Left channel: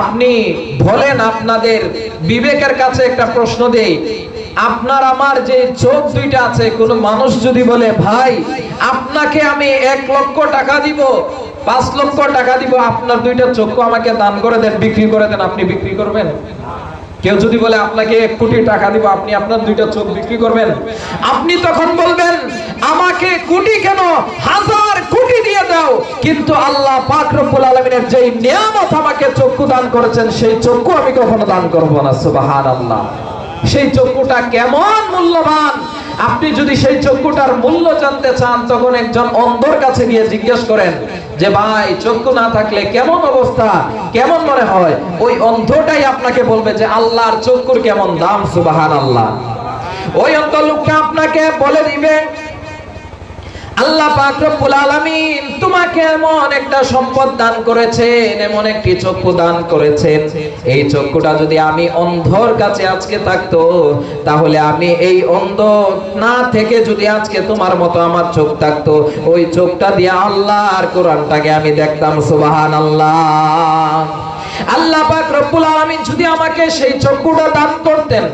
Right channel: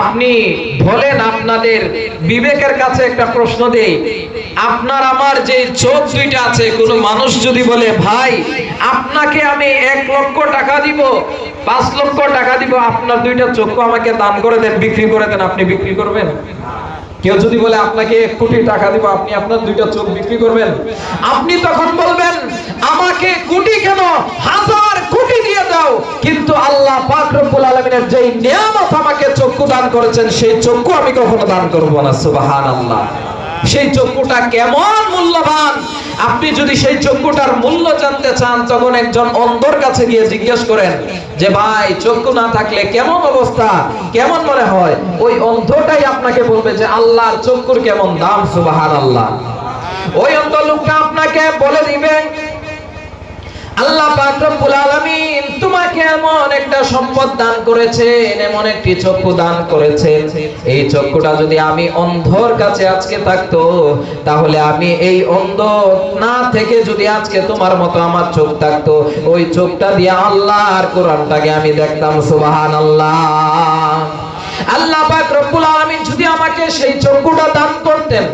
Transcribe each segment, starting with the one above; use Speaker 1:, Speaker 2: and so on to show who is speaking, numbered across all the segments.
Speaker 1: আপনি বলেন আপনাদের বিবেকের কাছে একটা প্রশ্ন দেই। আপনার আমার যে চোখ দুইটা আছে, কোনো মানুষ যদি বলে, ভাই, আপনাকে আমি এক লক্ষ টাকা দিব, পাঁচ লক্ষ টাকা দিব, আপনার দুইটা চক্ষু আমাকে দান করে দেন, বিক্রি করে দেন, আপনি বিক্রি করবেন? কেউ যদি বলে, আপনাকে এক কোটি টাকা দিব, আপনি আপনার দুইটা চোখ বিক্রি করবেন? আপনি তখন বলবেন, আমাকে কোটি কেন? হাজার কোটি দিয়ে দাও। কিন্তু আল্লাহ পাক রব্বুল আলামিনের যেই নিয়ামত আমাকে চক্ষু দান করেছেন, সেই চক্ষু আমি কখনো দান করব না, সুবহানাল্লাহ। সেই চক্ষুটা কেমন মূল্যবান? আপনি যদি সেই চক্ষুটার মূল্য জানতে চান, তখন একজন অন্ধর কাছে গিয়ে জিজ্ঞেস করেন যে, ভাই, চক্ষু না থাকলে কেমন অবস্থা? কেমন মনে হয়? ওই অন্ধটাই আপনাকে বলবে যে, আল্লাহর চক্ষুর কেমন দাম সুবাহান আল্লাহ ওই অন্ধ লোকটা আপনাকে বলে দিবে আল্লাহ পাক আলামিন তোমাকে এমন একটা সম্পদ দান করেছেন, এমন একটি চক্ষু দান করেছেন। এই চক্ষুটা যদি আমি অন্ধর কাছে আজকে থাকতো, তাহলে আমি এই অন্ধ না থেকে যদি আজকে তোমার মতো আমার চোখ থাকতো, ওই চোখটা দিয়ে আল্লাহ আর কোরআনটাকে আমি দেখতাম, সুবহানাল্লাহ। আল্লাহ পাক রব্বুল আলামিন যদি আমাকে সেই চক্ষুটা দান করতেন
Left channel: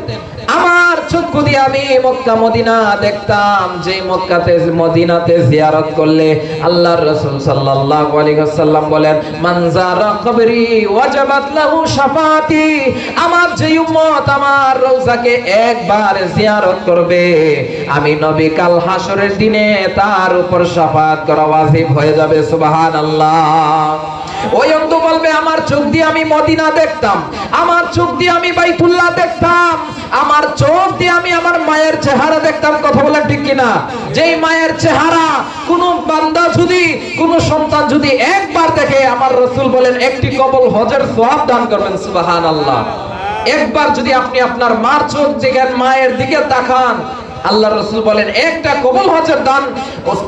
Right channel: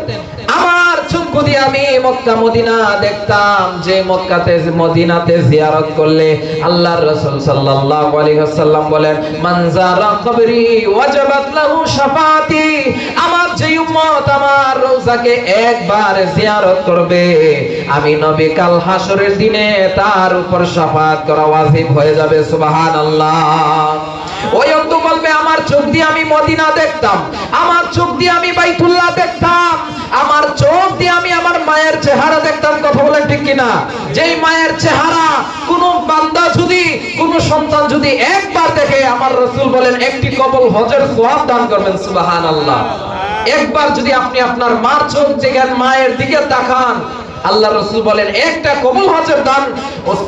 Speaker 1: দিয়ে আমি মক্কা, মদিনা দেখতাম, যে মক্কাতে, মদিনাতে জিয়ারত করলে আল্লাহর রাসূল সাল্লাল্লাহু বলেন, মান যারা কবরি ওয়াজাবাত লাহু আমার যে উম্মত আমার একবার জিয়ারত করবে। আমি নবী কাল হাসরের দিনে তার উপর শাফাত করা ওয়াজিব হয়ে যাবে, সুবহানাল্লাহ। ওই অন্ধ বলবে, আমার চোখ দিয়ে আমি মদিনা দেখতাম। কিনা? যেই মায়ের চেহারা, কোন বান্দা যদি, কোন সন্তান যদি একবার দেখে, আমার রসুল বলেন, একটি কবল হজের সোয়াব দান করবেন সুবাহান আল্লাহ একবার যদি আপনি আপনার মার চোখ দেখেন, মায়ের দিকে তাকান আল্লাহ রসুল বলেন, একটা কবুল হজের দান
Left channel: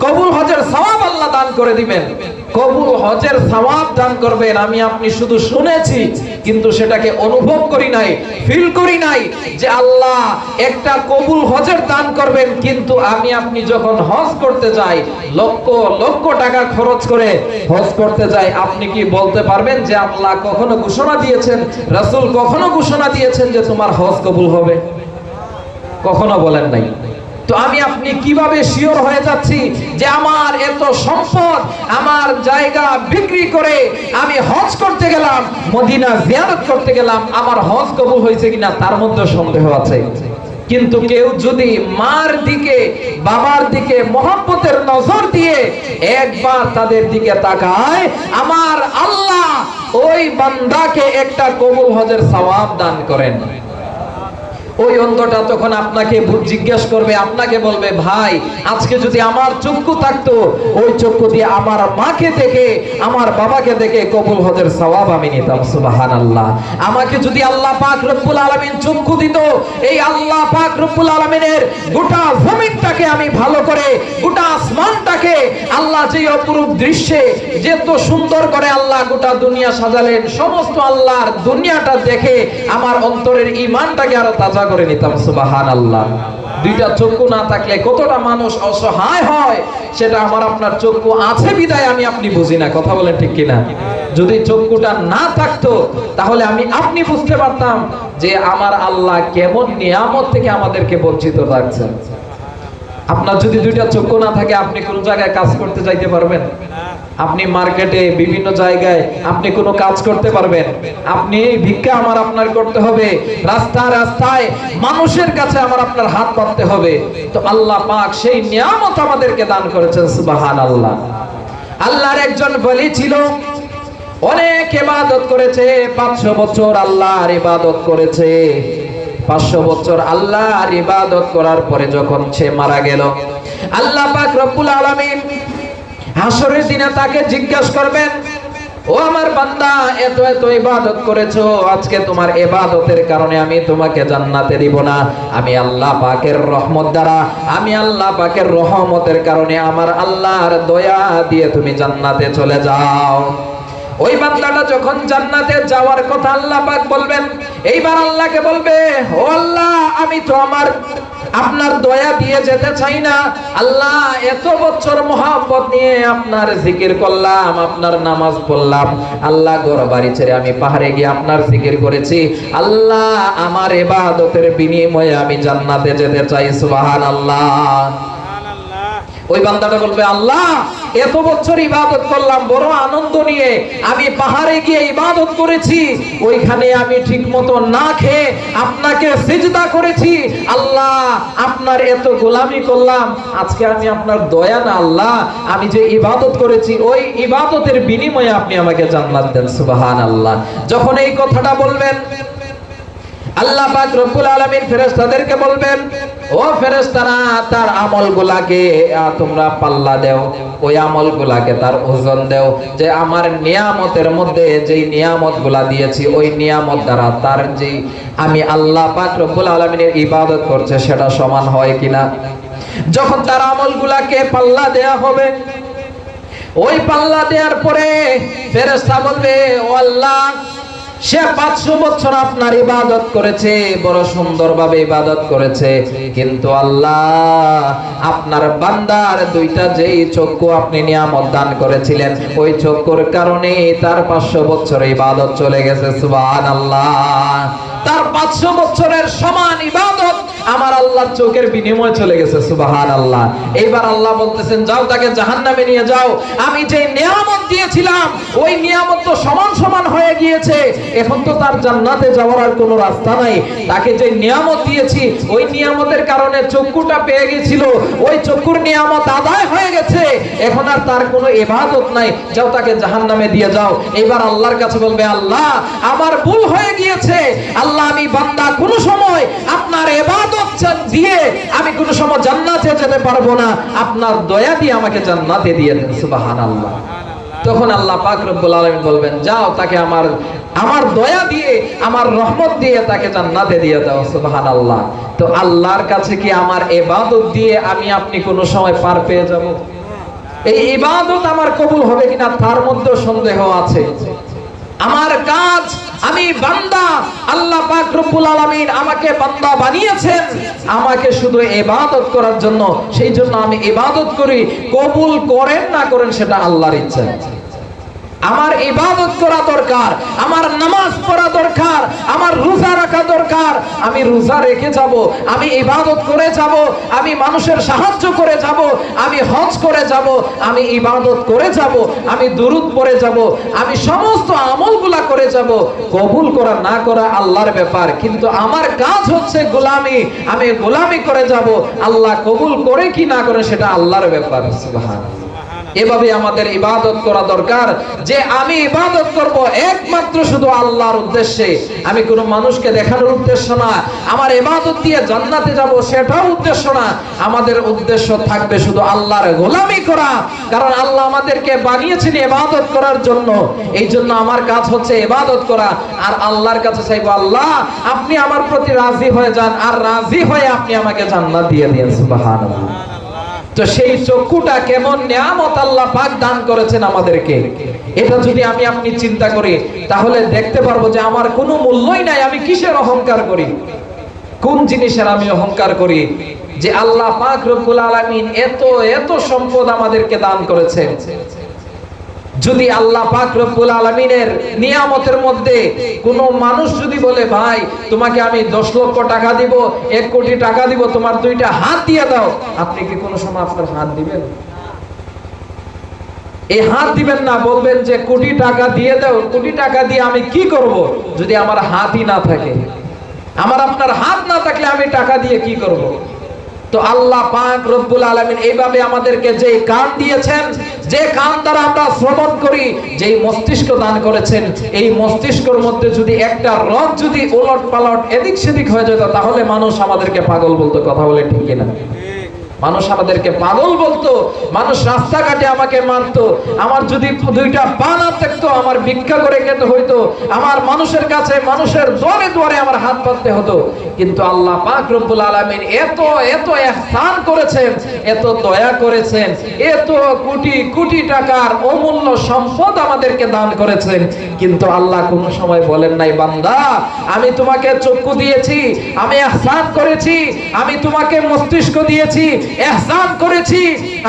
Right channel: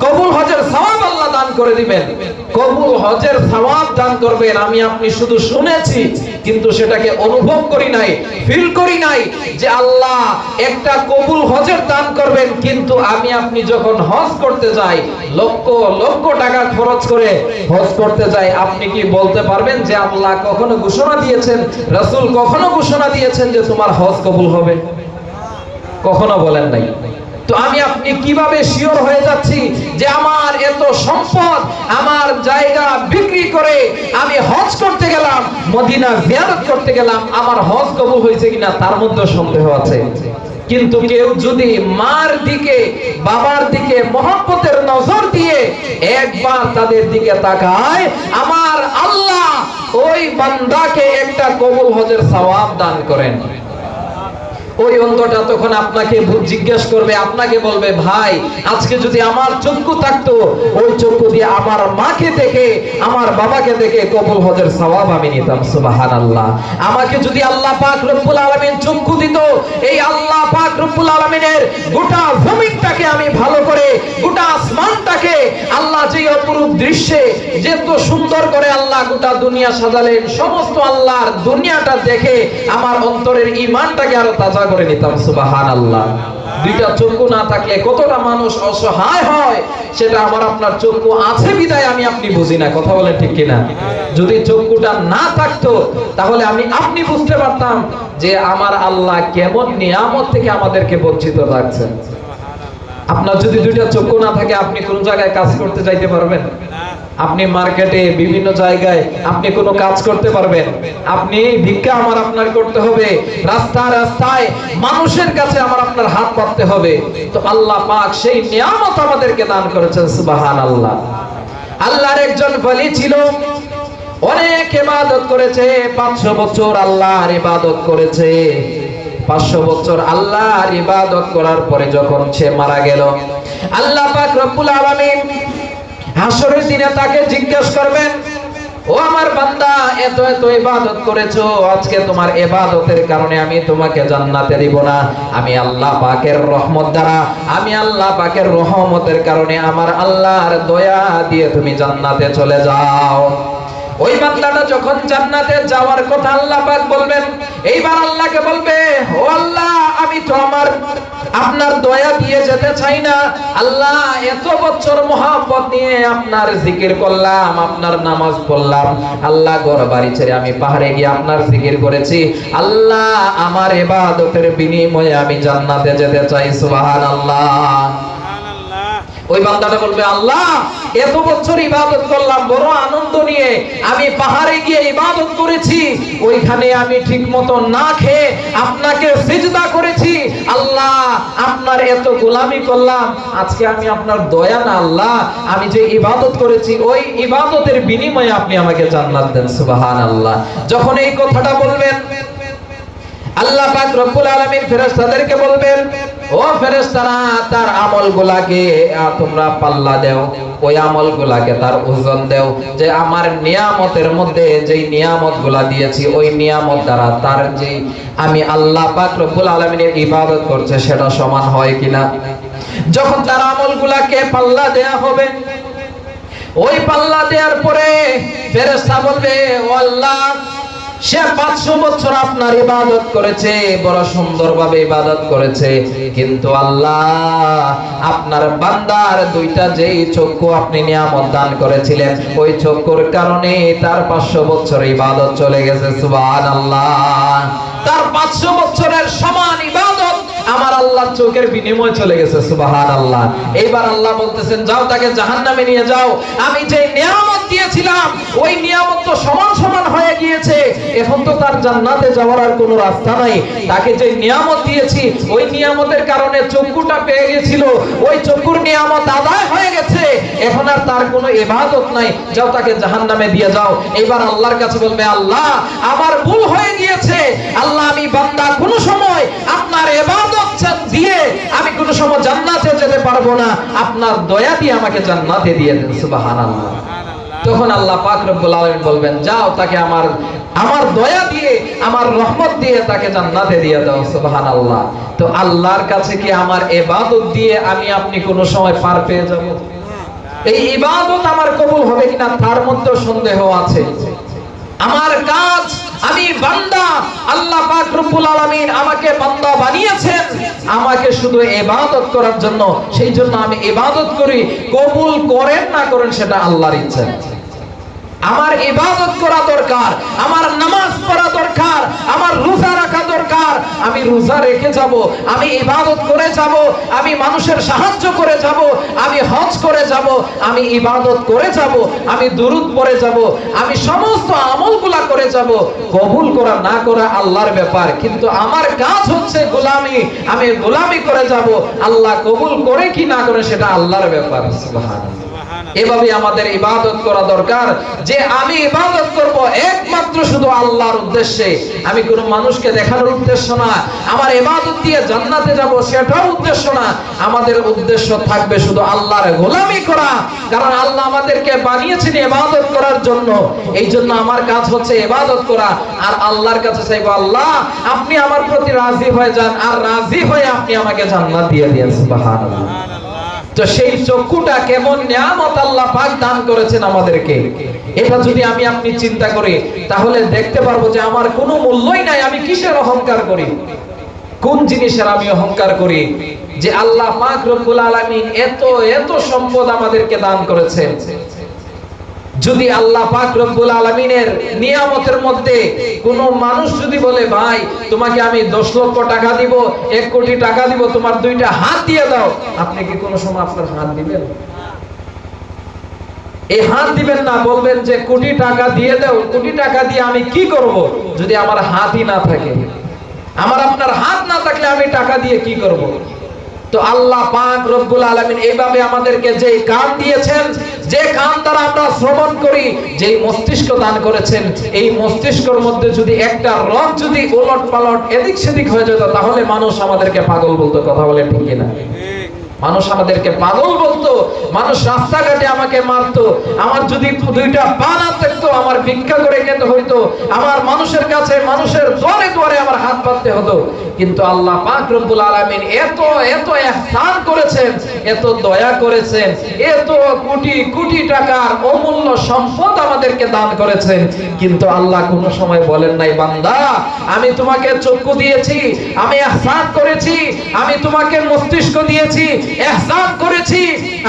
Speaker 1: কবুল হজের সওয়াব আল্লাহ দান করে দিবেন। কবুল হজের সওয়াব দান করবেন। আমি আপনি শুধু শুনেছি, কিন্তু সেটাকে অনুভব করি নাই ফিল করি নাই যে আল্লাহ একটা কবুল হজের দান করবেন। কিন্তু আমি আপনি যখন হজ করতে যাই, লক্ষ লক্ষ টাকা খরচ করে হজ করতে যাই, আপনি কি বলতে পারবেন যে আল্লাহ কখনো ঘোষণা দিয়েছেন? রাসূল কখনো ঘোষণা দিয়েছেন যে তোমার হজ কবুল হবে? কখনো বলেন নাই। তো আমি আপনি কীভাবে শিওর হয়ে যাচ্ছি যে আমার এত সম্পদ, আমার জায়গা বিক্রি করে আমি হজ করতে গেলাম, মদিনা জিয়ারত করতে গেলাম, আমার হজ কবুল হয়েছে কিনা তার মধ্যে সন্দেহ আছে। কিন্তু কেউ যদি মার দিকে, বাবার দিকে মহব্বতের নজর দিয়ে একবার তাদের দিকে তাকায়, আমার আল্লাহ ওই বান্দাকে একটা কবুল হজের সওয়াব দান করেন। ওই অন্ধটা তখন আপনাকে জিজ্ঞেস করবে, আপনাকে বলবে, ভাই, আজকে যদি আমার চক্ষু থাকতো, ওই চক্ষু দিয়ে আমার মাকে দেখে, আমার বাবাকে দেখে কবুল হজের সওয়াব আমি নিতাম, সুবহানাল্লাহ। আমাকে যদি আল্লাহ পাক রব্বুল আলামিন চক্ষু দিত, এই আল্লাহ পাক রব্বুল আলামিনের গোটা জমিনটাকে আমি ভালো করে, গোটা আসমানটাকে আল্লাহ যে অপরূপ দৃশ্যে যে তো সুন্দর করে আল্লাহ গোটা দুনিয়া সাজালেন, সমস্ত আল্লাহর দুনিয়াটা দেখে আমার অন্তরের ইমানটাকে আরও তাজা করে নিতাম সুবাহান আল্লাহ দুইটা চক্ষু না থাকলে কতটা মানুষ অসহায় হয়, সেটা আমার আপনার চক্ষু আছে বিদায়, আমি আপনি বুঝি না, কথা বলেন ঠিক কিনা? যদি চক্ষুটা না থাকতো, তাহলে আমি আপনি বুঝতে পারতাম যে আমার আল্লাহ কেমন নিয়ামত থেকে আমাদেরকে বঞ্চিত রাখছেন। আপনার যদি দুইটা চক্ষু না থাকে, আপনি কোন জায়গায় কাজ করতে যাইতে পারবেন? আপনি মার্কেটে বিভিন্ন জায়গায় আপনি কোনো কাজ করতে পারবেন। আপনি ভিক্ষা আমার আপনার করতে হবে। রাস্তায় রাস্তায় মানুষের কাছে আমার আপনার হাত পাততে হবে। তো আল্লাহ পাক সেই নিয়ামত আমাদেরকে দান করেছেন সুবাহান আল্লাহ আল্লাহর একজন বলি ছিল। অনেক ইবাদত করেছে, পাঁচশো বছর আল্লাহর ইবাদত করেছে। পাঁচশো বছর আল্লাহর ইবাদত করার পরে যখন সে মারা গেল, আল্লাহ পাক রব্বুল আলামিন হাসরের দিনে তাকে জিজ্ঞেস করবেন, ও আমার বান্দা, এত এত ইবাদত করেছ, আজকে তোমার ইবাদতের কারণে আমি তোমাকে জান্নাতে দিব না। আমি আল্লাহ পাকের রহমত দ্বারা, আমি আল্লাহ পাকের রহমতের কারণে আমার আল্লাহর দয়া দিয়ে তুমি জান্নাতে চলে যাও। ওই বান্দাটা যখন জান্নাতে যাওয়ার কথা আল্লাহ পাক বলবেন, এইবার আল্লাহকে বলবে, ও আল্লাহ, আমি তো আমার আপনার দয়া দিয়ে যেতে চাই না। আল্লাহ এত বছর মহাব্বত নিয়ে আপনার জিকির করলাম আপনার নামাজ পড়লাম। আল্লাহ ঘর বাড়ি ছেড়ে আমি পাহাড়ে গিয়ে আপনার জিকির করেছি। আল্লাহ আমার এবাদতের বিনিময়ে আমি জান্নাতে যেতে চাই সুবহানাল্লাহ। ওই বান্দাটা বলবে আল্লাহ এত বছর ইবাদত করলাম, বড় আনন্দ নিয়ে আমি পাহাড়ে গিয়ে ইবাদত করেছি, ওইখানে আমি ঠিক মতো না খেয়ে আপনাকে সিজদা করেছি। আল্লাহ, আপনার এত গোলামি করলাম, আজকে আমি আপনার দয়া না আল্লাহ, আমি যে ইবাদত করেছি, ওই ইবাদতের বিনিময়ে আপনি আমাকে জান্নাত দেন, সুবহানাল্লাহ। যখন এই কথাটা বলবেন আল্লাহ পাক রব্বুল আলামিন ফেরেশতাদেরকে বলবেন, ও ফেরেশতারা, তার আমলগুলাকে তোমরা পাল্লা দাও। ওই আমলগুলাকে তার ওজন দাও। যে আমার নিয়ামতের মধ্যে যেই নিয়ামতগুলা দিয়েছি, ওই নিয়ামত দ্বারা তার যে আমি আল্লাহ পাক রব্বুল আলামিনের ইবাদত করছে, সেটা সমান হয় কিনা? যখন তার আমলগুলাকে পাল্লা দেয়া হবে, ওই পাল্লা দেওয়ার পরে ফেরেশতা বলবে, ও আল্লাহ সে পাঁচশো বছর আপনার ইবাদত করেছে, বড় সুন্দরভাবে ইবাদত করেছে। কিন্তু আল্লাহ, আপনার বান্দার দুইটা যেই চক্ষু আপনি নিয়ামত দান করেছিলেন, ওই চক্ষুর কারণে তার পাঁচশো বছর ইবাদত চলে গেছে সুবান আল্লাহ তার পাঁচশো বছরের আমার আল্লাহর চোখের বিনিময় চলে গেছে সুবাহান আল্লাহ এইবার আল্লাহ বলতেছেন, যাও তাকে জাহান্নামে নিয়ে যাও। আমি যে নিয়ামত দিয়েছিলাম, ওই নিয়ামত তো সমান সমান হয়ে গিয়েছে। এখন তো তার জান্নাতে যাওয়ার আর কোনো রাস্তা নাই। তাকে যে নিয়ামত দিয়েছি, ওই নিয়ামতের কারণে চক্ষুটা পেয়ে গেছিল। ওই চক্ষুর নিয়ামত আদায় হয়ে গেছে। এখন আর তার কোনো ইবাদত নাই। যাও তাকে জাহান্নামে দিয়ে যাও। এবার আল্লাহর কাছে বলবে, আল্লাহ, আমার ভুল হয়ে গিয়েছে। আল্লাহ, আমি বান্দা কোনো সময় আপনার ইবাদত দিয়ে আমি কোনো সময় জান্নাতে যেতে পারব না। আপনার দয়া দিয়ে আমাকে জান্নাতে দিয়ে দেন, সুবহানাল্লাহ। তখন আল্লাহ পাক রব্বুল আলামিন বলবেন, যাও তাকে আমার আমার দয়া দিয়ে, আমার রহমত দিয়ে তাকে জান্নাতে দিয়ে দাও, সুবহানাল্লাহ। তো আল্লাহর কাছে কি আমার ইবাদত দিয়ে আমি আপনি কোনো সময় পার পেয়ে যাব? এই ইবাদত আমার কবুল হবে কিনা তার মধ্যে সন্দেহ আছে। আমার কাজ আমি বান্দা, আল্লাহ পাক রব্বুল আলামিন আমাকে বান্দা বানিয়েছেন। আমাকে শুধু ইবাদত করার জন্য, সেই জন্য আমি ইবাদত করি। কবুল করেন না করেন, সেটা আল্লাহর ইচ্ছা। আমার ইবাদত করা দরকার, আমার নামাজ পড়া দরকার, আমার রোজা রাখা দরকার। আমি রোজা রেখে যাব, আমি ইবাদত করে যাব, আমি মানুষের সাহায্য করে যাব, আমি হজ করে যাব, আমি ইবাদত করে যাব, আমি দুরুদ পড়ে যাব, আমি সমস্ত আমলগুলা করে যাব। কবুল করা না করা আল্লাহর ব্যাপার, কিন্তু আমার কাজ হচ্ছে গোলামি, আমি গোলামি করে যাব। আল্লাহ কবুল করে কি না করে সেটা আল্লাহর ব্যাপার, সুবহানাল্লাহ। এভাবে আমাদের ইবাদত করা দরকার। যে আমি ইবাদত করব একমাত্র শুধু আল্লাহর উদ্দেশ্যে। আমি কোন মানুষকে দেখানোর উদ্দেশ্য না। আমার ইবাদত দিয়ে জান্নাতে যাব সেটাও উদ্দেশ্য না। আমাদের উদ্দেশ্য থাকবে শুধু আল্লাহর গোলামি করা। কারণ আল্লাহ আমাদেরকে বানিয়েছেন ইবাদত করার জন্য। এই জন্য আমার কাজ হচ্ছে ইবাদত করা। আর আল্লাহর কাছে চাইব, আল্লাহ, আপনি আমার প্রতি রাজি হয়ে যান। আর রাজি হয়ে আপনি আমাকে জান্নাত দিয়ে দিন সুবহানাল্লাহ। তো সেই চক্ষুটা কেমন নিয়ামত আল্লাহ পাক দান করেছেন আমাদেরকে? এটা যদি আমি আপনি চিন্তা করি, তাহলে দেখতে পারব যে আমার কোনো মূল্যই নাই, আমি কিসের অহংকার করি? কোন জিনিসের আমি অহংকার করি? যে আল্লাহ পাক রব্বুল আলামিন এত এত সম্পদ আমাদেরকে দান করেছেন। যদি আল্লাহ পাক রব্বুল আলমিনের নিয়ামতের মধ্যে কোন মানুষ যদি বলে, ভাই, তোমাকে আমি দশ লক্ষ টাকা দিব, এক কোটি টাকা দিব, তোমার দুইটা হাত দিয়ে দাও, আপনি কি কোনো সময় আপনার হাত দিবেন? এই হাত দিবেন না, বলবেন যে, কোটি টাকা দিয়ে দাও, কোটি টাকা দিয়ে আমি কি করব? যদি আমার হাতই না থাকে। আমার আপনার হাত না থাকলে আমি টাকা দিয়ে কি করব? তো আল্লাহ পাক রব্বুল আলামিন এইভাবে আমাদেরকে যে কান দিয়েছেন, যে কান দ্বারা আমরা শ্রবণ করি যে মস্তিষ্ক দান করেছেন, এই মস্তিষ্কের মধ্যে যদি একটা রথ যদি ওলট পালট এদিক সেদিক হয়ে যেত, তাহলে মানুষ আমাদেরকে পাগল বলতো, কথা বলে ঠিক না মানুষ আমাদেরকে পাগল বলতো, মানুষ রাস্তাঘাটে আমাকে মারতো, আমার যদি দুইটা পা না আমার ভিক্ষা করে খেতে হইতো, আমার মানুষের কাছে, মানুষের দরে দরে আমার হাত পাততে হতো। কিন্তু আল্লাহ পাক রব্বুল আলামিন এত এত ইহসান করেছেন, এত দয়া করেছেন, এত কোটি কোটি টাকার অমূল্য সম্পদ আমাদেরকে দান করেছেন। কিন্তু আল্লাহ কোনো সময় বলেন নাই, বান্দা, আমি তোমাকে চক্ষু দিয়েছি, আমি ইহসান করেছি, আমি তোমাকে মস্তিষ্ক দিয়েছি ইহসান করেছি,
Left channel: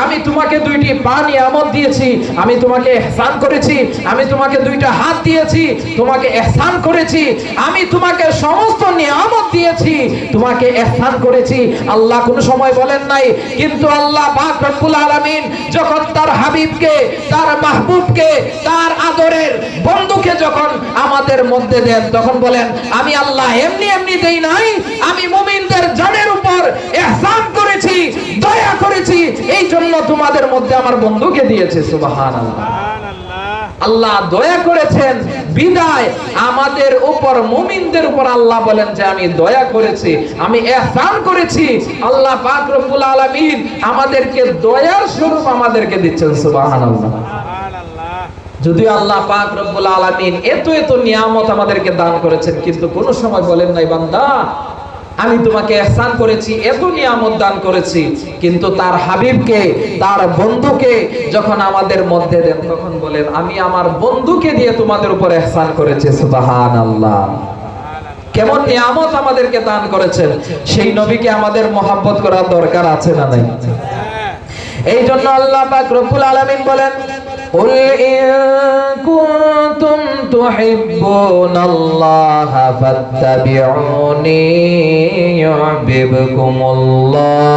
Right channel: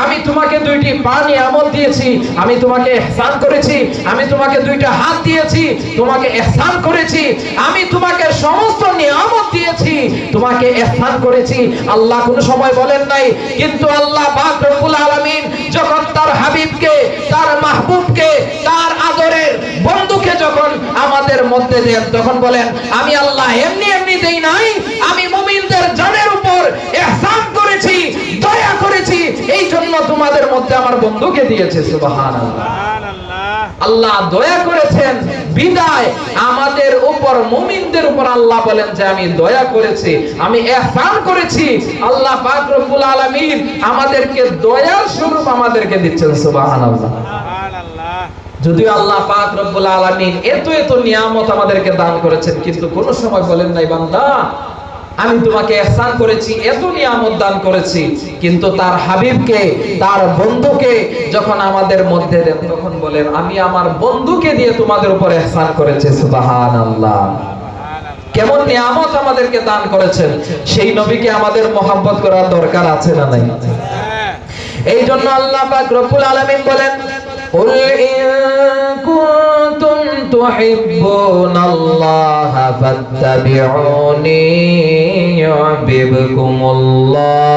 Speaker 1: আমি তোমাকে দুইটি পা নিয়ামত দিয়েছি, আমি তোমাকে ইহসান করেছি, আমি তোমাকে দুইটা হাত দিয়েছি, তোমাকে ইহসান করেছি, আমি তোমাকে সমস্ত নিয়ামত দিয়েছি, তোমাকে ইহসান করেছি। আল্লাহ কোনো সময় বলেন নাই, কিন্তু আল্লাহ পাক রব্বুল আলামিন যখন তার হাবিবকে, তার মাহবুবকে, তার আদরের বন্ধুকে যখন আমাদের মধ্যে দেন, তখন বলেন, আমি আল্লাহ এমনি এমনি দেই নাই, আমি মুমিনদের জানের উপর ইহসান করেছি, দয়া করেছি এই জন্য তোমাদের মধ্যে আমার বন্ধুকে দিয়েছে, সুবহানাল্লাহ। আল্লাহ দয়া করেছেন, বিদায়। আমাদের উপর, মুমিনদের উপর আল্লাহ বলেন যে, আমি দয়া করেছি, আমি ইহসান করেছি। আল্লাহ পাক রব্বুল আলামিন আমাদেরকে দয়ার স্বরূপ আমাদেরকে দিচ্ছেন, সুবহানাল্লাহ। যদিও আল্লাহ পাক রব্বুল আলামিন এত এত নিয়ামত আমাদেরকে দান করেছেন, কিন্তু কোন সময় বলেন নাই, বান্দা আমি তোমাকে এহসান করেছি এত নিয়ামত দান করেছি। কিন্তু তার হাবিবকে তার বন্ধুকে যখন আমাদের মধ্যে দেন তখন বলেন আমি আমার বন্ধুকে দিয়ে তোমাদের উপর এহসান করেছি। সুবাহান কেমন নিয়ামত আমাদেরকে দান করেছেন। সেই নবীকে আমাদের মোহাব্বত করার দরকার আছে না নাই? হ্যাঁ। এই জন্য আল্লাহ পাক রব্বুল আলামিন বলেন উল ইন تحبون الله فاتبعوني يحببكم الله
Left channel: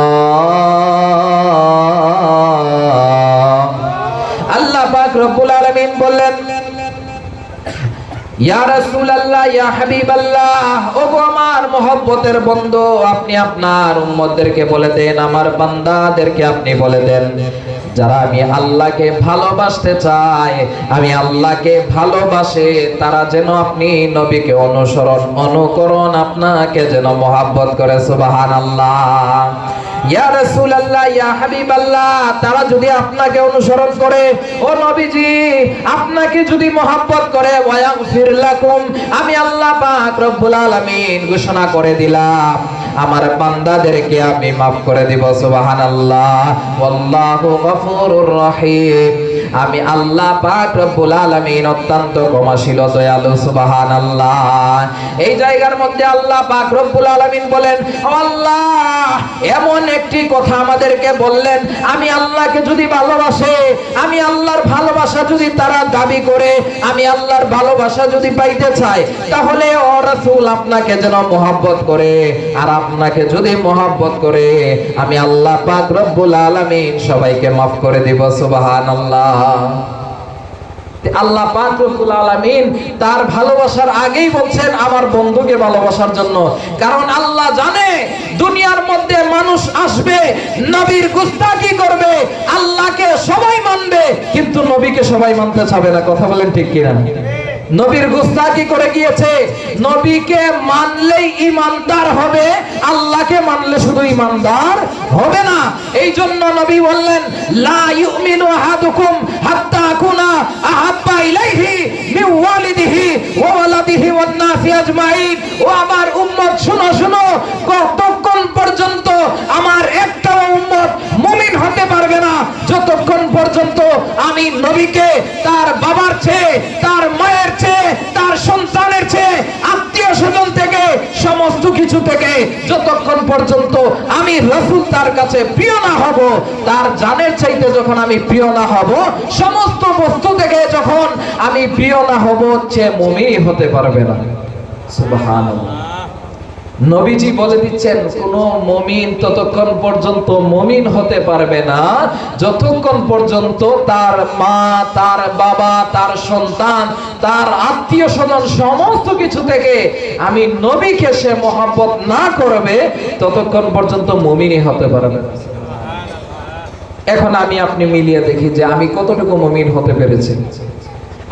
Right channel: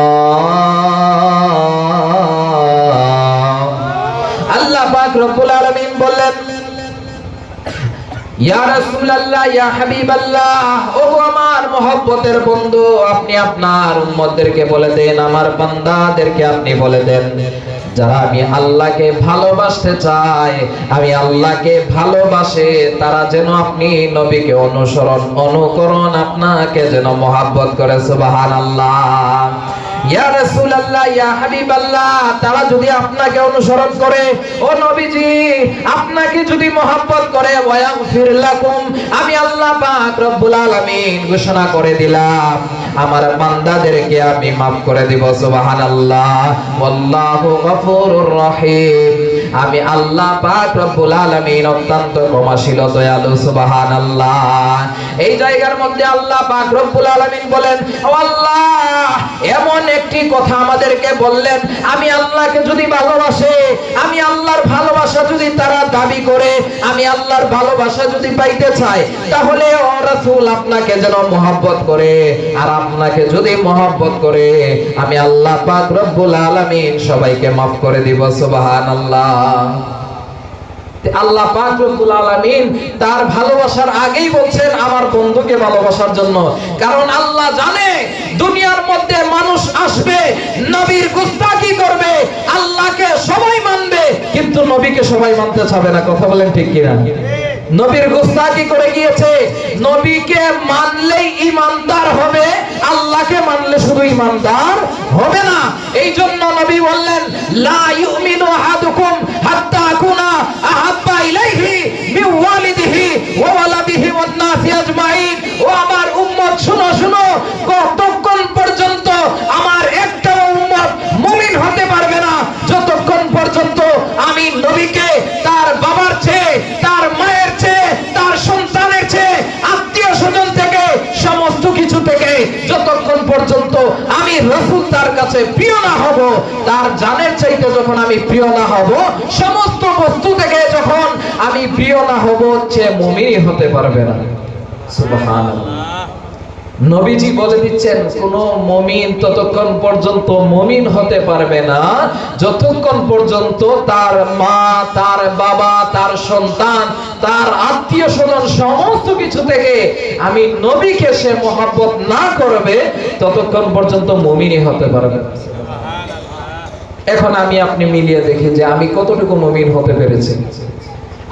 Speaker 1: আল্লাহ পাক রব্বুল আলামিন বললেন যারা আমি ভালোবাসতে আমি ভালোবাসে, তারা যেন আপনি নবীকে অনুসরণ, অনুকরণ আপনাকে যেন মহাব্বত করে, সুবহানাল্লাহ। তারা যদি আপনাকে অনুসরণ করে, ও নবীজি, আপনাকে যদি করে আমি আল্লাহ ঘোষণা করে দিলাম। আমার বান্দাদেরকে আমি করে আমি আল্লাহ পাক রব্বুল অত্যন্ত ক্ষমাশীল, দয়ালু এই জায়গার মধ্যে আল্লাহ পাক রব্বুল বলেন আল্লাহ এমন একটি কথা আমাদেরকে বললেন, আমি আল্লাহকে যদি ভালোবাসে, আমি আল্লাহর ভালোবাসা যদি তারা দাবি করে, আমি আল্লাহর ভালোবাসা যদি পাইতে চাই তাহলে ও রাসূল আপনাকে যেন মহব্বত করে, আর আপনাকে যদি মহব্বত করে, আমি আল্লাহ পাক রব্বুল আলামিন সবাইকে maaf করে দিব, সুবহানাল্লাহ। আল্লাহ পাক রব্বুল আলামিন তার ভালোবাসার আগেই বলছেন, আমার বন্ধুকে ভালোবাসার জন্য। কারণ আল্লাহ জানে, দুনিয়ার আসবে, নবীর গুস্তাকি করবে, আল্লাহকে সবাই মানবে, কিন্তু নবীকে সবাই মানতে চাবে না, কথা বলেন ঠিক কিনা? নবীর গুস্তাকি করে গিয়েছে, নবীকে মানলেই ইমানদার হবে, আল্লাহকে মানলে শুধু ইমানদার হবে না। এই জন্য নবী বললেন, লা ইউমিনু আহাদুকুম হাত্তা আকুনা আহাব্বা ইলাইহি মিন ওয়ালিদিহি ওয়া ওয়ালাদিহি ওয়ান নাসি আজমাইন ও আমার উম্মত শুনো শুনো কতক্ষণ পর্যন্ত আমার একটা উম্মত মুমিন হতে পারবে না যতক্ষণ পর্যন্ত আমি নবীকে তার বাবার চেয়ে তার মায়ের চেয়ে তার সন্তানের চেয়ে আত্মীয় স্বজন থেকে সমস্ত কিছু থেকে যতক্ষণ পর্যন্ত আমি তার কাছে প্রিয় না হব, তার জানের চাইতে যখন আমি প্রিয় না হব, সমস্ত বস্তু থেকে যখন আমি প্রিয় না হব হচ্ছে মুমিনই হতে পারবে না। নবীজি বলে দিচ্ছেন, কোন মমিন ততক্ষণ পর্যন্ত মমিন হতে পারবে না। যতক্ষণ পর্যন্ত তার মা, তার বাবা, তার সন্তান, তার কিছু থেকে আমি নবীকে সে মহাব্বত না করবে, ততক্ষণ পর্যন্ত মমিনই হতে পারবে এখন আমি আপনি মিলিয়ে দেখি যে আমি কতটুকু মমিন হতে পেরেছি।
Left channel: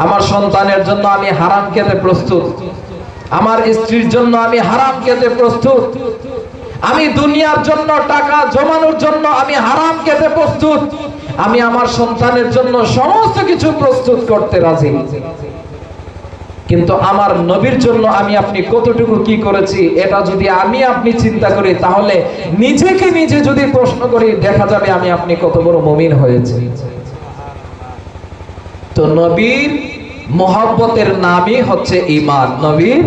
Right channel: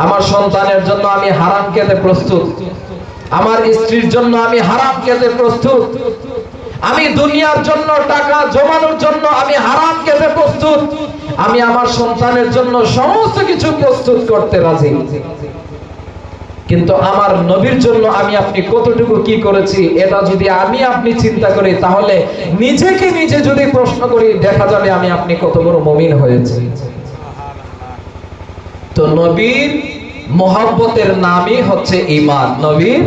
Speaker 1: আমার সন্তানের জন্য আমি হারাম খেতে প্রস্তুত। আমার স্ত্রীর জন্য আমি হারাম খেতে প্রস্তুত। আমি দুনিয়ার জন্য টাকা জমানোর জন্য আমি হারাম খেতে প্রস্তুত। আমি আমার সন্তানের জন্য সমস্ত কিছু প্রস্তুত করতে রাজি। কিন্তু আমার নবীর জন্য আমি আপনি কতটুকু কি করেছি, এটা যদি আমি আপনি চিন্তা করি, তাহলে নিজেকে নিজে যদি প্রশ্ন করি, দেখা যাবে আমি আপনি কত বড় মুমিন হয়েছি। তো নবীর মোহাব্বতের নামই হচ্ছে ইমান নবীর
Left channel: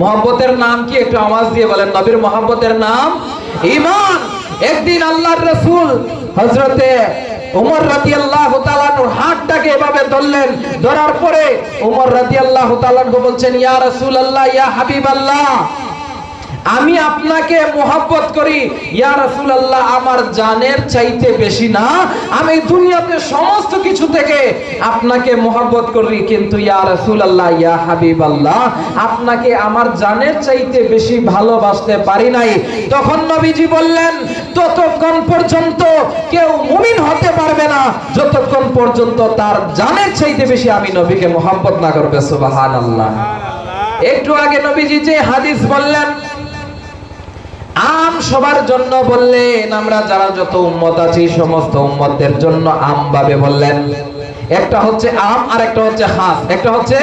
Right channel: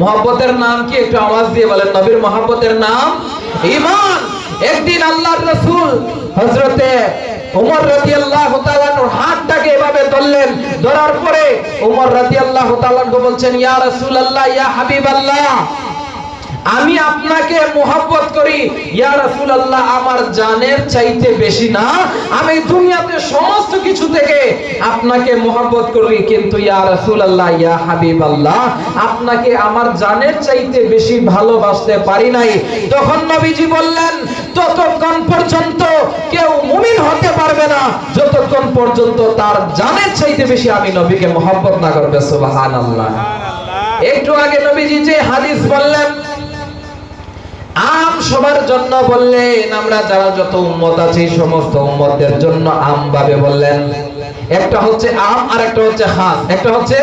Speaker 1: মোহাব্বতের নাম কি? একটু আওয়াজ দিয়ে বলেন, নবীর মোহাব্বতের নাম ইমান একদিন আল্লাহর রাসূল হযরতে ওমর রাদিয়াল্লাহু তাআলার হাতটাকে এভাবে ধরলেন। ধরার পরে ওমর রাদিয়াল্লাহু তাআলা বলছেন, ইয়া রসুল রাসূলুল্লাহ, ইয়া হাবিব আল্লাহ আমি আপনাকে মোহাব্বত করি। ইয়া রাসূলুল্লাহ, আমার জানের চাইতে বেশি না। আমি দুনিয়াতে সমস্ত কিছু থেকে আপনাকে মোহাব্বত করি। কিন্তু ইয়া রাসূলুল্লাহ, ইয়া হাবিব আল্লাহ আপনাকে আমার জানের চাইতে বেশি ভালোবাসতে পারি নাই। তখন নবীজি বললেন ততক্ষণ পর্যন্ত কেউ মুমিন হতে পারবে না, যতক্ষণ পর্যন্ত তার জানের চাইতে বেশি আমি নবীকে মোহাম্মত না করবে, সুবহানাল্লাহ। একটু আগে নবীজি যে হাদিস বললেন, আম সবার জন্য বললেন, আমরা যারা যত উম্মত আছি, সমস্ত উম্মতের জন্য আম ভাবে বললেন। একটা হচ্ছে আম আর একটা হচ্ছে হাস। একটা হচ্ছে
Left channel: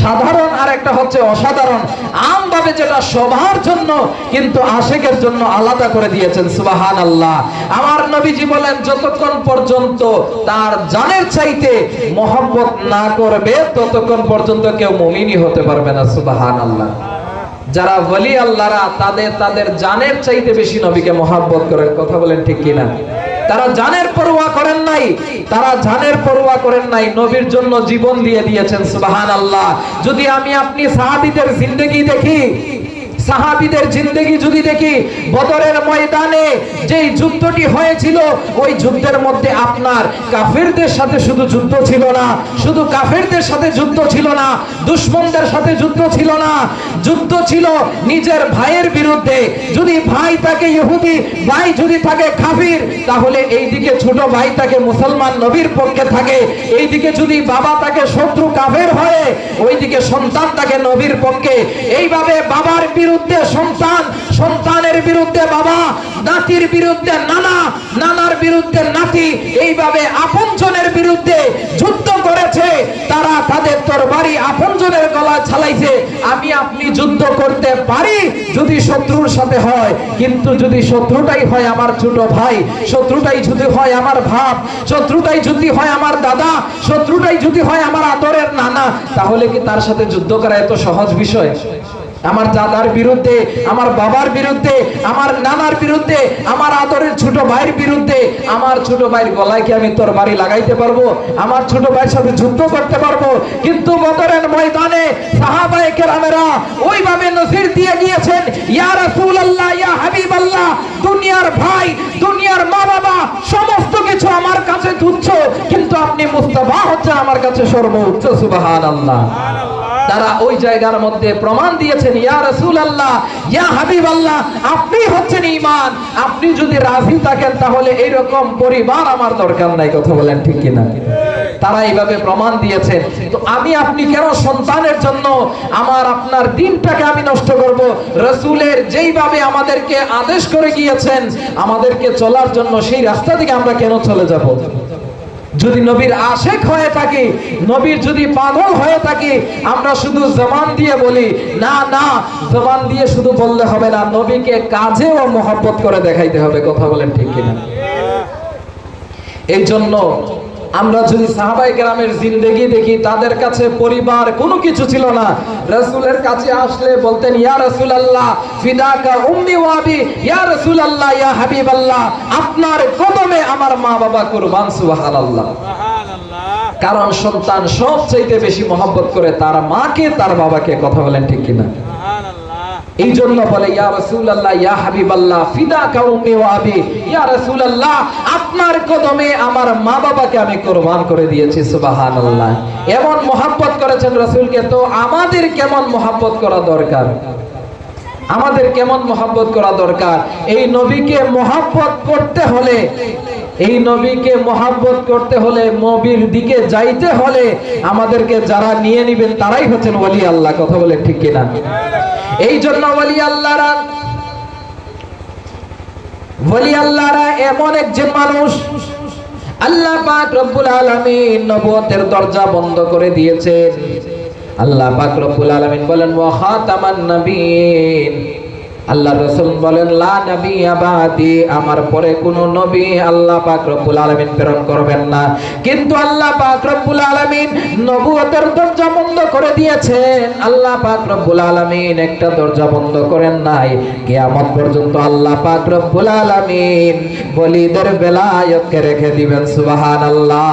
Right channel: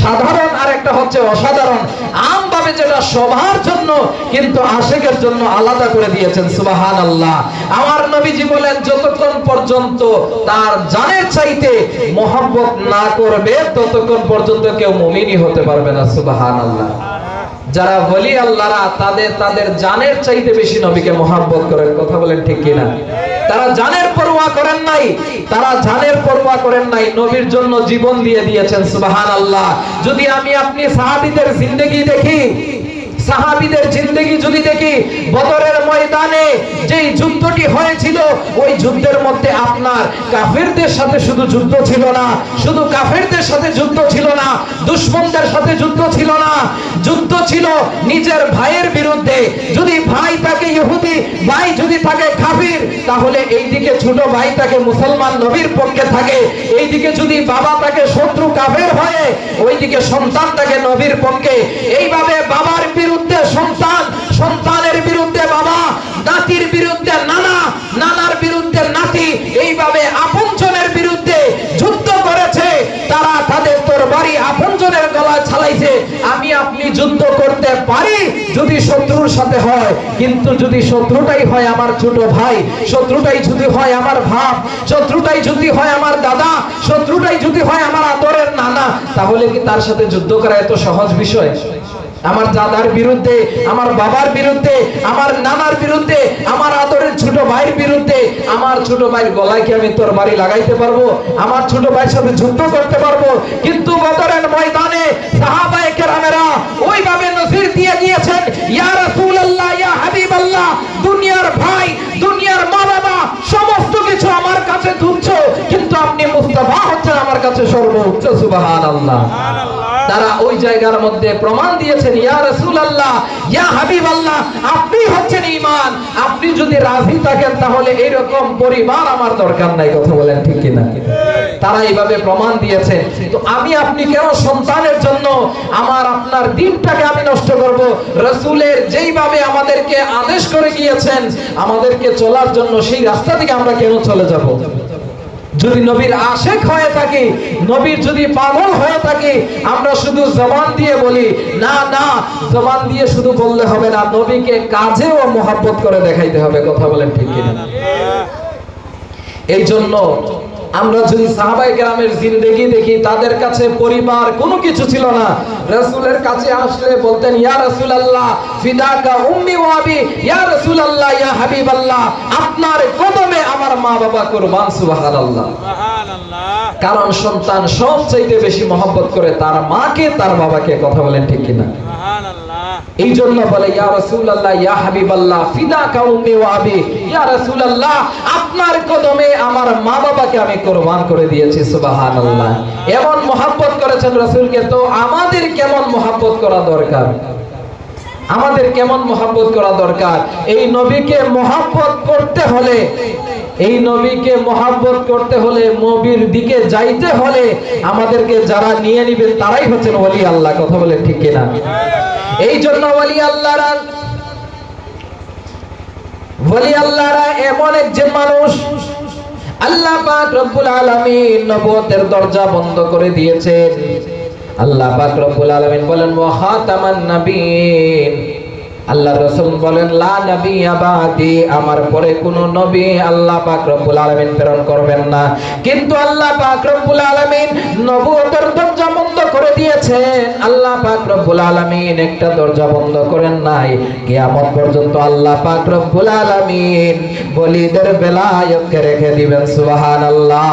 Speaker 1: সাধারণ আর একটা হচ্ছে অসাধারণ। আম ভাবে যেটা সবার জন্য, কিন্তু আশেকের জন্য আলাদা করে দিয়েছেন সুবাহান আল্লাহ আমার নবীজি বলেন, যতক্ষণ পর্যন্ত তার জানের চাইতে মোহাব্বত না করবে, ততক্ষণ পর্যন্ত কেউ মুমিনই হতে পারবে না সুবাহান আল্লাহ যারা বলি আল্লাহরা, তাদের তাদের জানের চাইতে বেশি নবীকে মহাব্বত করে কথা বলেন ঠিক কিনা? তারা জানের নাই, তারা জানের পরোয়া করেন নাই, নবীর জন্য জীবন দিয়ে দিয়েছেন সুবাহান আল্লাহ যদি আমি আপনি সাহাবিদের জিন্দগি দেখি, সাহাবিদের জিন্দগি যদি দেখি, বদরের ময়দানে যেই যুদ্ধটি হয়েছিল, ওই যুদ্ধের মধ্যে আপনার কাফেরদের সাথে শুধু যুদ্ধ ছিল না, শুধু কাফেরদের সাথে যুদ্ধ ছিল না, দুশ্মনদের সাথে যুদ্ধ ছিল না। যুদ্ধ ছিল নিজের ভাইয়ের বিরুদ্ধে। যদি ভাই তাকে ইহুদি, ভাই যদি তাকে কাফির, তাহলে এইদিকে ছোট ভাই তাকে মুসলমান নবীর পক্ষে থাকে। এইদিকে যদি বাবা তাকে শত্রু কাফের হয়ে, ওইদিকে সন্তান তাকে নবীর পক্ষে। এইভাবে বাবার বিরুদ্ধে সন্তান নাতির বিরুদ্ধে নানা, নানার বিরুদ্ধে নাতি এইভাবে আপনজনের বিরুদ্ধে যুদ্ধ করেছে, তারা তাদের তরবারি আপনজনের গলায় চালাইছে। আমি আপনি যুদ্ধ করতে পারি যদি শত্রুর সাথে হয়, কিন্তু যদি শত্রুটাই হয় আমার ছোট ভাই, শত্রুটাই যদি হয় আমার ভাব শত্রুটাই যদি হয় আমার দাদা, শত্রুটাই যদি হয় আমার আদরের নানা, তাহলে কি তার সাথে যুদ্ধ করা এত সহজ বিষয়? আমার দাদার বিরুদ্ধে, আমার বাবার বিরুদ্ধে, আমার নানার বিরুদ্ধে, আমার আদরের ছোট ভাইয়ের বিরুদ্ধে, আমার ছোট ভাইয়ের গলায় কি আমি তোর বাড়ি লাগাইতে পারব? আমার ছোট ভাইয়ের সাথে যুদ্ধ করতে পারব? কিন্তু বদরের ময়দানে সাহাবায়ে কেরামেরা ওইভাবে নজির দিয়ে দিয়েছেন, ইয়া ইয়া দুনিয়ার ভাই, দুনিয়ার মা বাবা সমস্ত কিছু আমার কাছে তুচ্ছ, কিন্তু আপনি মুস্তাফা হচ্ছেন আমার কাছে সর্বোচ্চ, সুবহানাল্লাহ। তারা ওই জায়গার মধ্যে প্রমাণ দিয়েছেন, ইয়া রাসূলুল্লাহ, ইয়া হাবিবাল্লাহ, আপনি হচ্ছেন ঈমান। আপনি যদি রাজি থাকেন তাহলে এরকম পরিবার আমার দরকার নাই। কথা বলেন ঠিক কিনা? তারা এইভাবে প্রমাণ দিয়েছেন। তো আমি, আপনি কেন সন্তানের জন্য আমার, আপনার দিনটাকে আমি নষ্ট করব? রসুলের যেইভাবে আমাদেরকে আদেশ করে গিয়েছেন, আমাদেরকে চলার জন্য সেই রাস্তা থেকে আমরা কেন চলে যাব? যদি নবীর আশেক হয়ে থাকে নবীর যদি পাগল হয়ে থাকে আমরা শুধু জবান দিয়ে বলি না না জবান দিয়ে শুধু বললে হবে না নবীকে কাজে ও মহব্বত করে দেখাইতে হবে। কথা বলেন ঠিক কিনা? এই জন্য আমরা যদি সাহাবাই গ্রামের জিন্দেগি দেখি তাদের কাছে পরিবার কোনো কিছু ছিল না। রাসূলের কাছে আসলে বলতেন ইয়া রাসূলুল্লাহ ফিদাকা উম্মি ওয়া আবি ইয়া রাসূলুল্লাহ ইয়া হাবিবাল্লাহ আপনার কদমে আমার মা বাবা কুরবান সুবহানাল্লাহ। কারণ সন্তান সবচাইতে বেশি মহব্বত করে তার মাকে তার বাবাকে কথা বলেন ঠিক কিনা? এই জন্য বলে, ইয়া রাসূলুল্লাহ, ইয়া হাবিবাল্লাহ ফিদাকা উম্মি ওয়া আবি, ইয়া রাসূলুল্লাহ, আপনার কদমে আমার মা বাবাকে আমি কুরবান করে দিয়েছি, সুবহানাল্লাহ। এমন মহব্বত করেছেন রাসূলকে, তো আমাদের কেমন মহব্বত করা দরকার? আমাদের কেমন মহব্বত করা দরকার? এই নবীকে মহব্বত করতে হলে, এই নবীকে মহাব্বত করতে হলে, নবীর দিকে যাইতে হলে আমাদেরকে যারা নিয়ে নিবেন, তারাই হচ্ছেন ওলি আল্লাহ, কথা বলে ঠিক কিনা? এই জন্য ওলি আল্লাহরা ওলি আল্লাহরা এমন একজন মানুষ, আল্লাহ পাক রব্বুল আলামিন নবুয়তের দরজা বন্ধ করে দিয়েছেন। আল্লাহ পাক রব্বুল আলামিন বলেন, ওয়া খাতামান আল্লাহ রাসূল বলেন, লা আমার পরে কোন নবী আল্লাহ পাক রব্বুল আলামিন প্রেরণ করবেন না। কিন্তু আল্লাহ পাক রব্বুল আলামিন নবুয়তের দরজা বন্ধ করে দিয়েছেন। আল্লাহ পাক রব্বুল আলামিন একটা দরজা বন্ধ করেন নাই। কিয়ামত পর্যন্ত আল্লাহ পাক রব্বুল আলামিন বলিদের বেলায়তকে রেখে দিবেন, সুবহানাল্লাহ।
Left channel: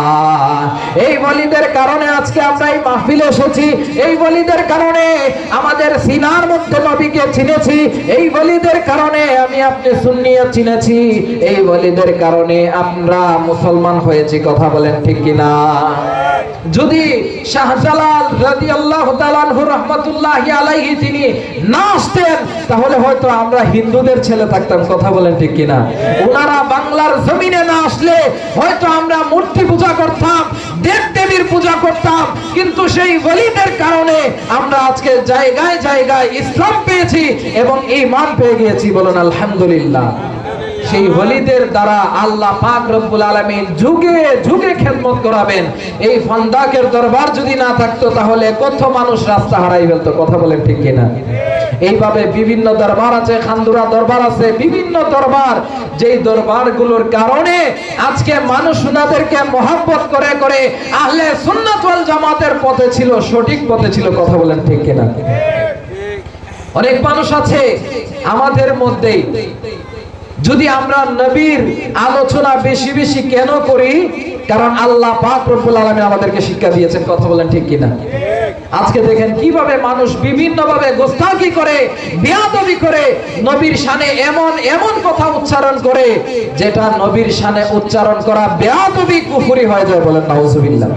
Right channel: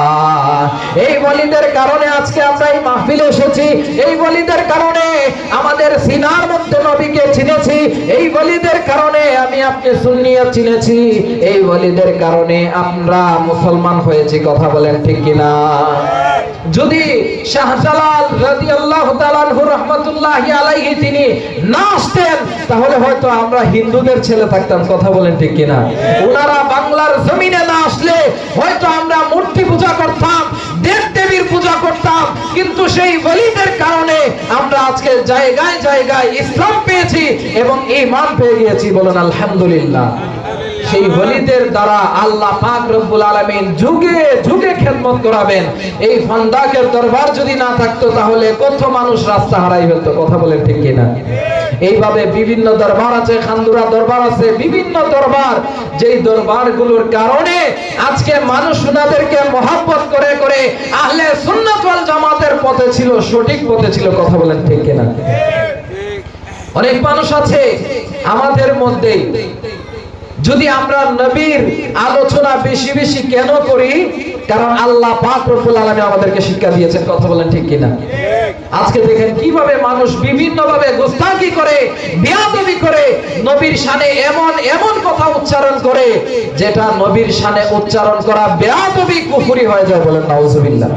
Speaker 1: এই বলিদের কারণে আজকে আমরা এই মাহফিলে এসেছি। এই বলিদের কারণে আমাদের সিনার মধ্যে নবীকে চিনেছি। এই বলিদের কারণে আমি আপনি সুন্নিও চিনেছি। এই বলিদের কারণে আমরা মুসলমান হয়েছি, কথা বলেন ঠিক কিনা? যদি শাহজালাল তাআলা আনহু রাহমাতুল্লাহি আলাইহি তিনি না আসতেন, তাহলে হয়তো আমরা হিন্দুদের ছেলে থাকতাম, কথা বলেন ঠিক কিনা? ওনারা বাংলার জমিনে না আসলে হয়তো আমরা মূর্তি পূজা করতাম দেবীর পূজা করতাম। কিন্তু সেই ওলিদের কারণে আমরা আজকে জায়গায় জায়গায় ইসলাম পেয়েছি এবং ঈমান পেয়ে গিয়েছি বলুন আলহামদুলিল্লাহ। সেই হলিদের দ্বারা আল্লাহ পাক রব্বুল আলামিন যুগে যুগে খেদমত করাবেন। এই ফন্দাকের দরবার যদি না থাকতো, তাহলে কত মানুষ রাস্তা হারাই ফেলতো, কথা বলেন ঠিক কিনা? এইভাবে বিভিন্ন দরবার আছে, খান্দুরা দরবার আছে, বিভিন্ন দরবার। যেই দরবারগুলোর কারণে আজকে মানুষ ওনাদেরকে মহাব্বত করে করে আহলে সুন্নাত জামাতের পথে ছিল, সঠিক পথে ছিল, কথা বলেন ঠিক কিনা? অনেক মানুষ আছে আমাদের মধ্যেই। যদি আমরা নবীর আলোচনা বেশি বেশি কেন করি? কারণ আল্লাহ পাক রব্বুল আলামিন আমাদেরকে শিক্ষা দিয়েছেন কথা বলেন ঠিক কিনা? আজকে দেখেন কীভাবে মানুষ বিভিন্ন ভাবে গোস্তাকি করে বেয়াদবি করে নবীর শানে এমন এমন কথা উচ্চারণ করে যেটা নবীর শানে উচ্চারণ করা বেয়াদবি কুফরি হয়ে যায় বলেন নাউজুবিল্লাহ।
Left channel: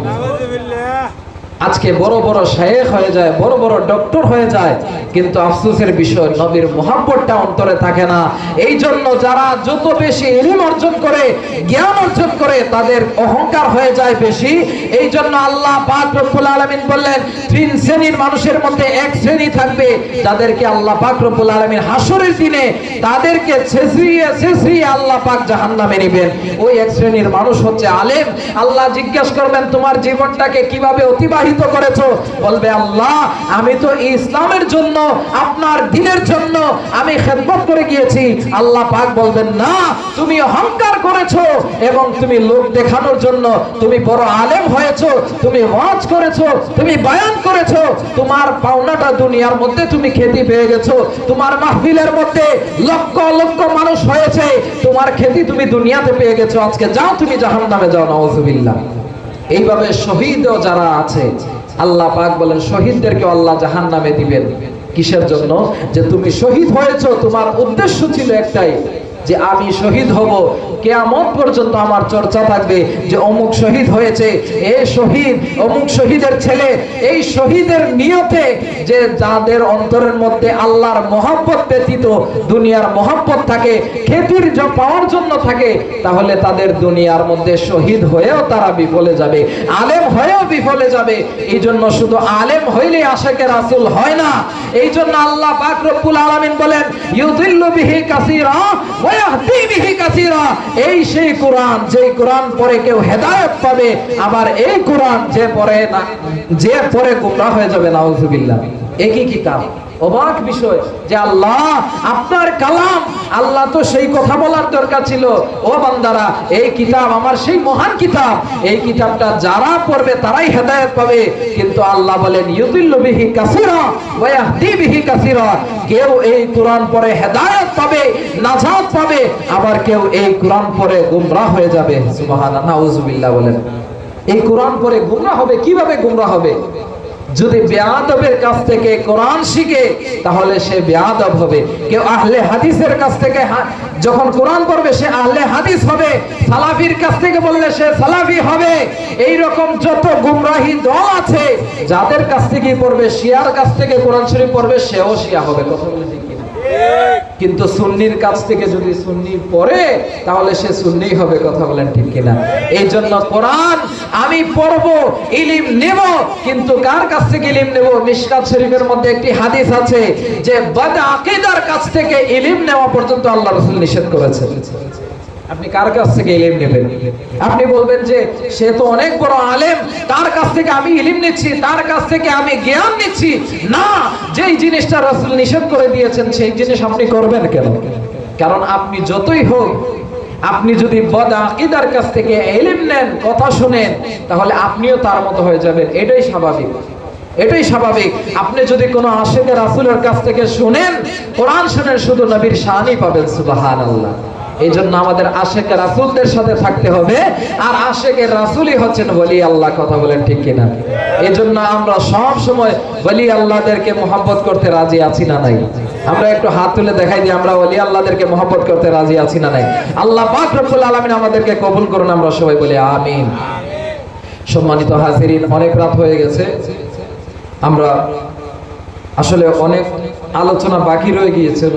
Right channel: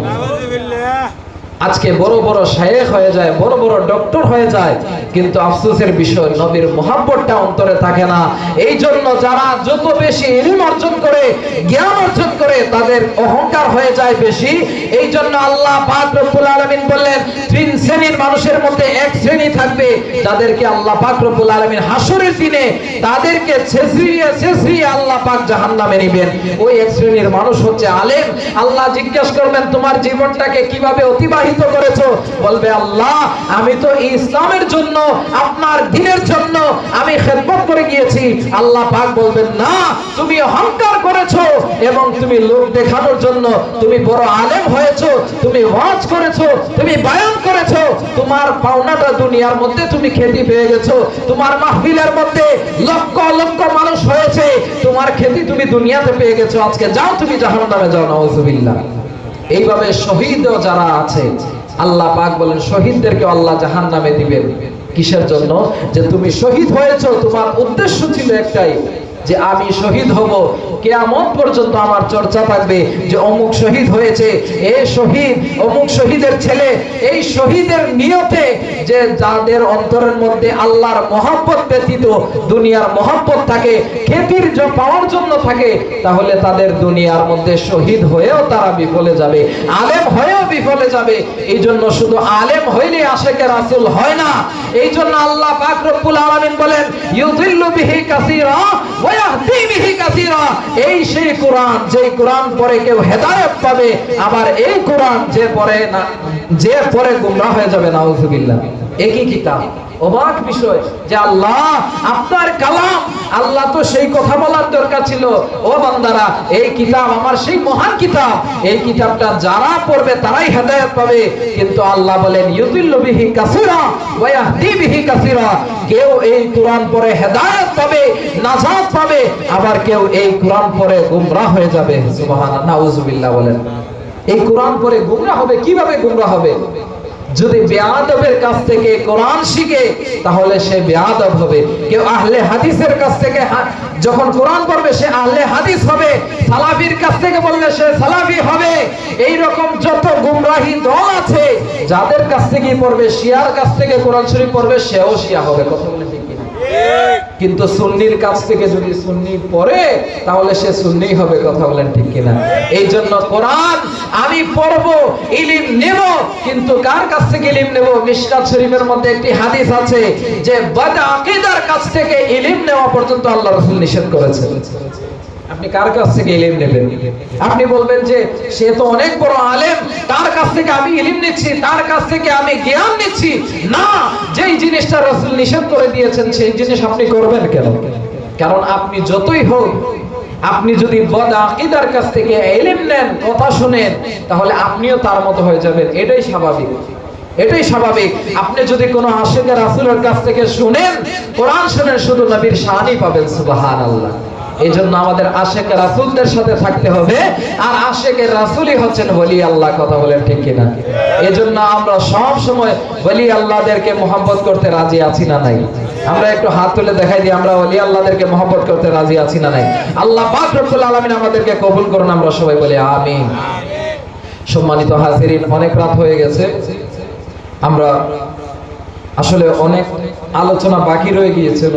Speaker 1: আজকে বড় বড় শায়েখ হয়ে যায় বড় বড় ডক্টর হয়ে যায়। কিন্তু আফসোসের বিষয়, নবীর মোহাব্বতটা অন্তরে থাকে না। এই জন্য যারা যত বেশি ইলম অর্জন করে, জ্ঞান অর্জন করে, তাদের অহংকার হয়ে যায় বেশি। এই জন্য আল্লাহ পাক আলামিন বললেন, তিন শ্রেণির মানুষের মধ্যে এক শ্রেণি থাকবে। যাদেরকে আল্লাহ পাক আলামিন হাসরের দিনে তাদেরকে ছেঁচড়িয়ে ছেঁচড়িয়ে আল্লাহ পাক জাহান্নামে নেবেন। ওই এক শ্রেণির মানুষ হচ্ছে আলেম। আল্লাহ জিজ্ঞেস করবেন, তোমার জীবনটাকে কীভাবে অতিবাহিত করেছ? বলবে, আল্লাহ, আমি তো এই ইসলামের জন্য, আপনার দিনের জন্য আমি খেদমত করে গিয়েছি। আল্লাহ পাক বলবেন, না, তুমি অহংকার করেছ এবং তুমি লোক দেখানোর জন্য তুমি বড় আলেম হয়েছো, তুমি হজ করেছ, তুমি বায়ান করেছ। তোমার পাওনাটা দুনিয়ার মধ্যে তুমি খ্যাতি পেয়ে গেছো। তোমার মাহফিলের মধ্যে লক্ষ লক্ষ মানুষ হয়েছে। তোমার খ্যাতি তুমি দুনিয়াতে পেয়ে গেছো। আজকে যাও তুমি জাহান্নামে যাও, নাউজুবিল্লাহ। এইভাবে শহীদও যারা আছে আল্লাহ পাক বলেন শহীদদেরকে আল্লাহ জাহান নামে দিবেন। কিসের জন্য? যে তুমি শহীদ হয়েছ, তোমার উদ্দেশ্য ছিল একটাই যে আমি শহীদ হব, কেয়ামত পর্যন্ত আমার চর্চা থাকবে যে অমুক শহীদ হয়েছে, এ শহীদ, অমুক শহীদের ছেলে, এই শহীদের নিয়তে যে যাদের অন্তরের মধ্যে আল্লাহর মহব্বত ব্যতীত দুনিয়ার মহব্বত থাকে, খ্যাতির জ- পাওয়ার জন্য থাকে, তাহলে তাদের দুনিয়ার মধ্যে শহীদ হয়েও তারা বিফলে যাবে, আলেম হয়েও বিফলে যাবে। এই জন্য শুধু আলেম হইলেই আশেকে রাসূল হয় না। এই জন্য আল্লাহ পাক রব্বুল আলামিন বলেন ইয়াহদি বিহি কাসীরা এই সেই কোরআন যে কোরআন পরে কেউ হেদায়ত পাবে, আবার এই কোরআন যে পরে না, যে পরে গুমরা হয়ে যাবে, নাউজুবিল্লাহ। একই কিতাব। অবাক বিষয় যে আল্লাহ, আপনার কালাম, আল্লাহ তো সেই কথা বলার দরকার ছিল। ও বান্দারা, এই কিতাব আমার সেই মহান কিতাব। এই কিতাবটা যারা পড়বে তারাই হেদায়েত পাবে। কিন্তু আল্লাহ বলেন, ইউদিল্লু বিহি কাসীরা ওয়া ইয়াহদি বিহি কাসীরা। কেউ এই কোরআন পড়ে হেদায়েত পাবে, নাজাত পাবে, আবার কেউ এই কোরআন পড়ে গুমরাহ হয়ে যাবে। সুবহানাল্লাহ, নাউজুবিল্লাহ বলেন। এই কোরআন পড়ে গুমরাহ হবে, কীভাবে গুমরাহ হবে? যদি বেয়াদবের কাছ থেকে কোরআন শিখে, তাহলে সে বেয়াদব হবে। কেউ আহলে হাদিসের কাছ থেকে যখন কোরআন পড়বে, সে আহলে হাদিস হবে। সালাফির কাছ থেকে বললে সে সালাফি হবে। এই রকম যত গুমরাহি দল আছে, যাদের কাছ থেকে পড়বে, শিয়ার কাছ থেকে কোরআন শরীফ পড়বে, সেও শিয়া হবে। কথা বলে ঠিক কিনা? কিন্তু সুন্নির কাছ থেকে যদি সুন্নি পড়ে, তাহলে সে সুন্নি হবে, কথা বলেন ঠিক কিনা? এই জন্য কোরআন, আমি পড়ব, ইলিম নেব, কিন্তু কার কাছ থেকে ইলিম নেব? মিশকাত শরীফের মধ্যে একটি হাদিস আছে যে বাদ আকীদার কাছ থেকে ইলিম নেওয়া পর্যন্ত আল্লাহ রাসূল নিষেধ করেছেন। আপনি কার কাছ থেকে ইলিম নেবেন? আপনি বলবেন যে, সে তো অনেক বড় আলেম, তার কাছ থেকে আমি ইলিম নিচ্ছি, তার কাছ থেকে আমি জ্ঞান নিচ্ছি। না, যেই জিনিসটা রাসূল নিষেধ করে দিয়েছেন, সেই জিনিস আপনি করবেন কেন? কারণ আপনি যতই হোক, আপনি যদি বদ আকিদার কাছ থেকে ইলিম নেন, কথা শুনেন, তাহলে আপনিও তার মতো হয়ে যাবেন। এটাই স্বাভাবিক। এটাই স্বাভাবিক। আপনি যদি কোনো আশেকের রাসূলের কাছ থেকে শুনেন, কোরআন শুনেন, শুধু নবীর শানই পাবেন, সুবহানাল্লাহ। এই জন্য আমাদের আশেকের রাসূলদের সাথে থাকতে হবে। আর আশেকের রাসূলই হচ্ছেন ওলি আল্লাহ, কথা বলেন ঠিক কিনা? এই জন্য আমরা সব সময় ওলি আল্লাহদেরকে মোহাব্বত করতে রাজি আছি না নাই? আমরা একটু হাত তুলে দেখাই দিই, আমরা ওলি আল্লাহদেরকে মোহাব্বত করতে রাজি আছি না নাই? আল্লাহ পাক রব্বুল আলামিন আমাদেরকে কবুল করুন, আমরা সবাই বলি আমিন। সম্মানিত হাজিরিন, অনেক রাত হয়ে গেছে। আমরা আসলে অনেক আলোচনা বাকি রয়ে গিয়েছিল।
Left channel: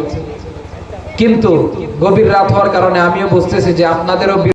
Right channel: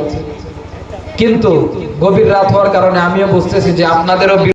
Speaker 1: কিন্তু গভীর রাত হওয়ার কারণে আমিও বুঝতেছি যে আপনাদেরও